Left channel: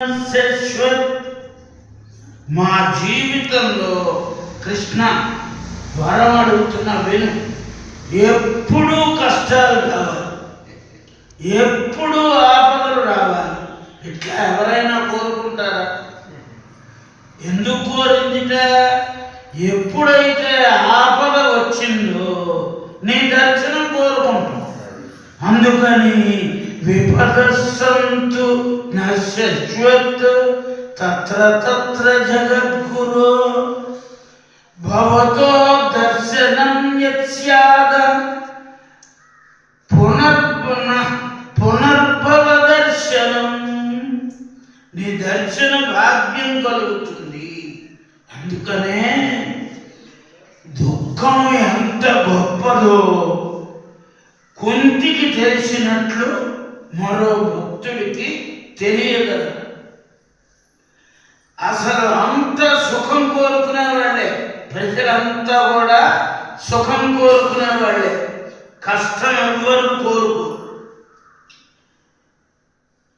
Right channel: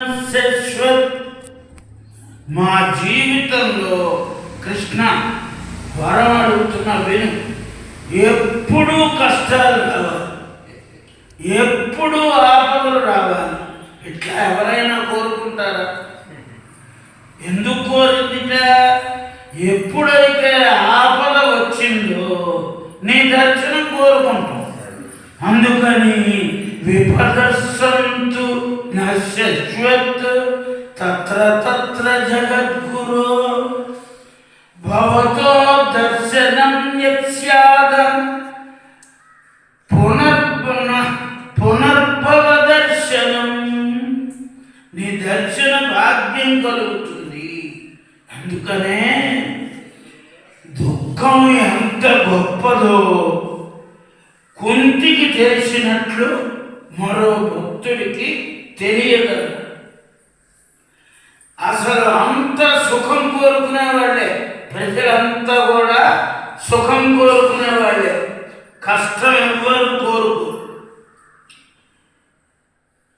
శాశ్వత్ మా జీవితంలో కృష్ణ వరం అడుగుతున్న విను. ఎప్పుడూ కష్టాలు రావాలి, ఎప్పుడూ ఆపదలు రావాలి. ఇట్లా ఎవరైనా కోరుకుంటారా? ఎందుకు కోరిందిట? ఎప్పుడైతే ఆపద వచ్చిందో నీ దర్శనం కోరుకుంటాం. అందుకని విపదస్సంతు నశ్యశ్వత్ తత్ర తత్ర జగద్గురు భవతో దర్శనం యత్స్యాద పునర్భవ దర్శనం. నీ దర్శన భాగ్యం కలుగుతుంది. అందుకనే దుఃఖం ఎంత గొప్పదో కుంతికి తెలిసినట్లు మరో భక్తుడికి తెలియదు. అసలు అంత సుఖం కోరుకునే వాళ్ళే, ప్రజలంతా కూడా సుఖం కోరుకునే వాళ్ళే, కష్టం ఎవ్వరు కోరుకోరు.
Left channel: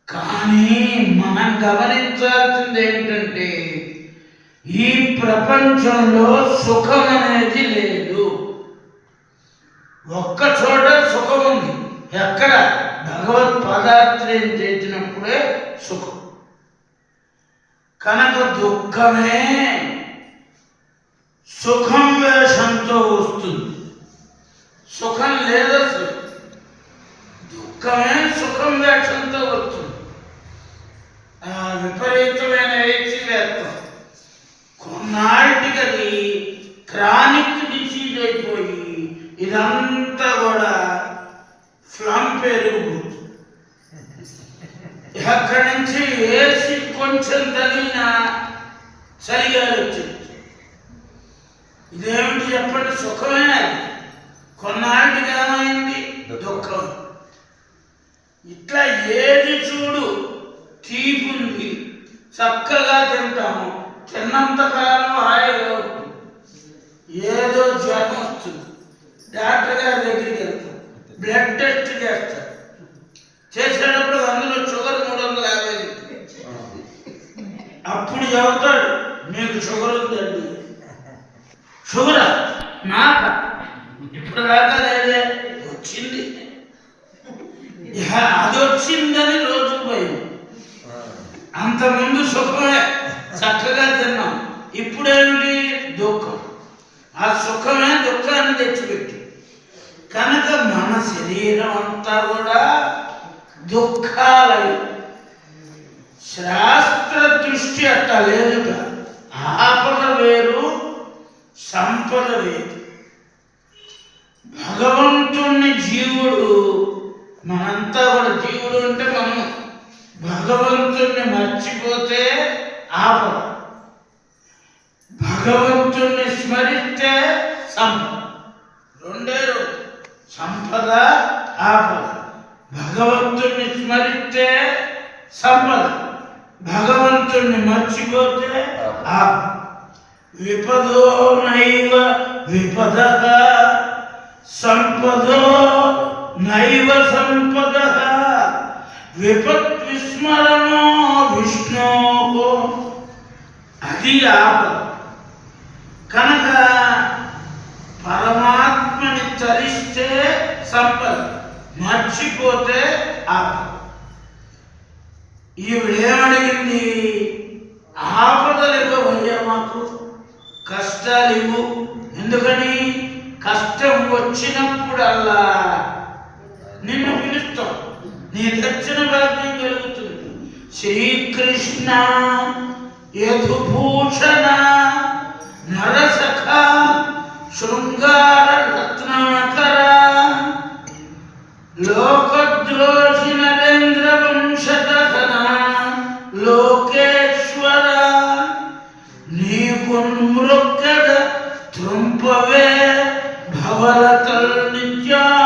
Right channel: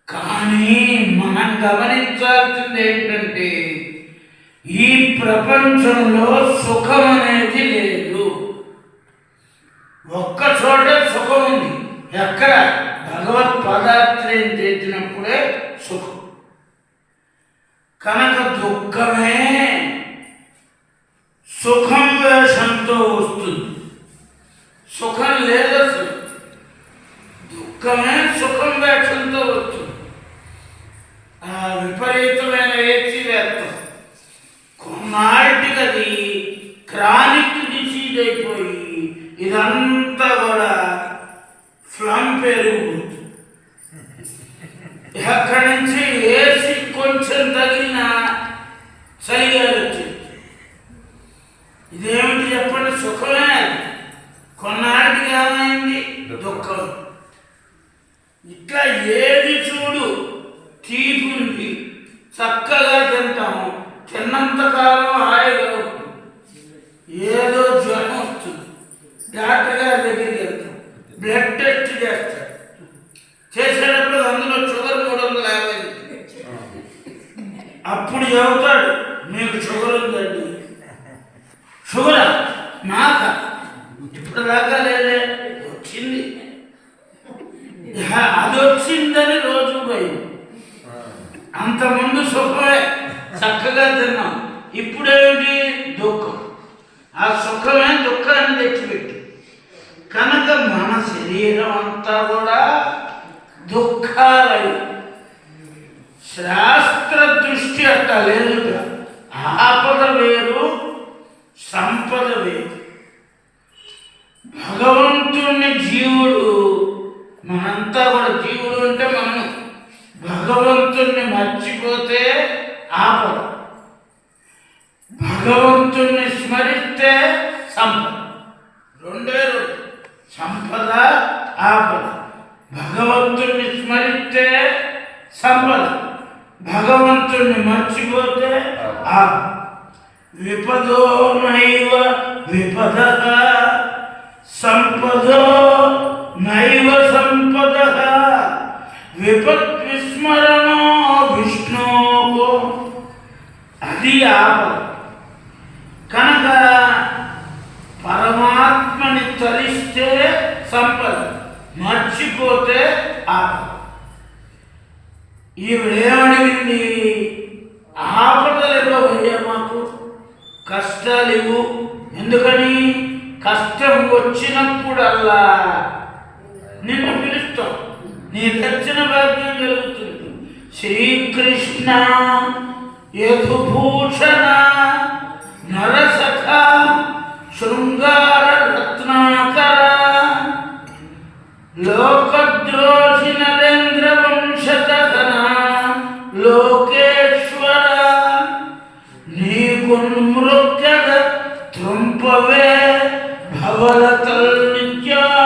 కానీ మనం గమనించాల్సింది ఏంటంటే ఈ ప్రపంచంలో సుఖం అనేది లేదు. ఒక్క చోట సుఖం ఉంది. ఎక్కడ? భగవత్ పదార్థం చేసినప్పుడే సుఖం. కనుక దుఃఖమే సుఖం వేషంతో వస్తుంది. సుఖం లేదు అసలు. దుఃఖమే సుఖం వేషంతో వస్తుంది. ఆ విపరీతమైన వేచి వేస్తాం. కొన్నాటికి అది క్రానిక్ డిసీజ్ అయిపోయి ఇదంతా కూడా ఫ్లమ్ పెరిగిపోతుంది. అక్కడి నుంచి ఏసి కొంచెం తగిలిన చలిగాలి వచ్చింది. ఇదేమిటి చెప్పండి? సుఖమే. కొన్నాటికి ఏమైంది? దుఃఖం. ఇట్లా ఏది చూడు తీపుంది, చక్కగా తింటాము, తిన్నంతకాలం హాయిగా ఉంటుంది. ఏదో జ్వరం వస్తుంది, డాక్టర్ గారి దగ్గరికి వెళ్తాం, బ్లడ్ టెస్ట్ చేస్తాడు. చేసేటప్పుడు అందులో షుగర్ 350. అప్పుడు చెబుతాడు మీకు షుగర్ ఉందండి. షుగరా? నాకా? ఇప్పుడు దాకా లేదే, వచ్చింది. అది వచ్చిందని రోజు పోయి అంతకుముందు సుఖమే, చక్కగా తిన్నాం. ఇప్పుడేమిటి? దుఃఖం. ఆ సుఖమే దుఃఖాన్ని తెచ్చిపెట్టి. కనుక మన శరీరం అంతా కూడా దుఃఖాలయ. శాస్త్ర దృష్టి అట్ట లేదుగా. ఆపద వేరు, సంపద వేరు. భగవంతుని జీవుడు, మనంతా కూడా జీవుడు అంటే మనం భగవంతుణ్ణి మర్చిపోతే ఆపద, భగవంతుణ్ణి స్మరిస్తే సంపద. రెండే రెండు, సంపద ఆపద. భగవంతుణ్ణి స్మరిస్తే సంపద, భగవంతుణ్ణి మర్చిపోతే ఆపద. విపదో నైవ విపద, సంపదో నైవ సంపద. విపత్ విస్మరణో విష్ణో, అది ఆపద. కనుక పరమాత్మని తలిస్తే సంపద, మర్చిపోతే ఆపద. ఈవిడేమడిగింది? ఆపదలు ఇవ్వబోయే, మాకు కష్టాలు ఇవ్వు. ఎందుకని? కష్టం వచ్చినప్పుడల్లా నిన్ను పిలుస్తాం, నీ దర్శన భాగ్యం కలుగుతుంది. శ్రీకృష్ణ యదుభూషణ నరసఖ శృంగార రత్నాకర లోకద్రోహి నరేంద్ర వంశధన లోకేశ్వర నీకు మృగద త్రుంపవే భవరతల్ని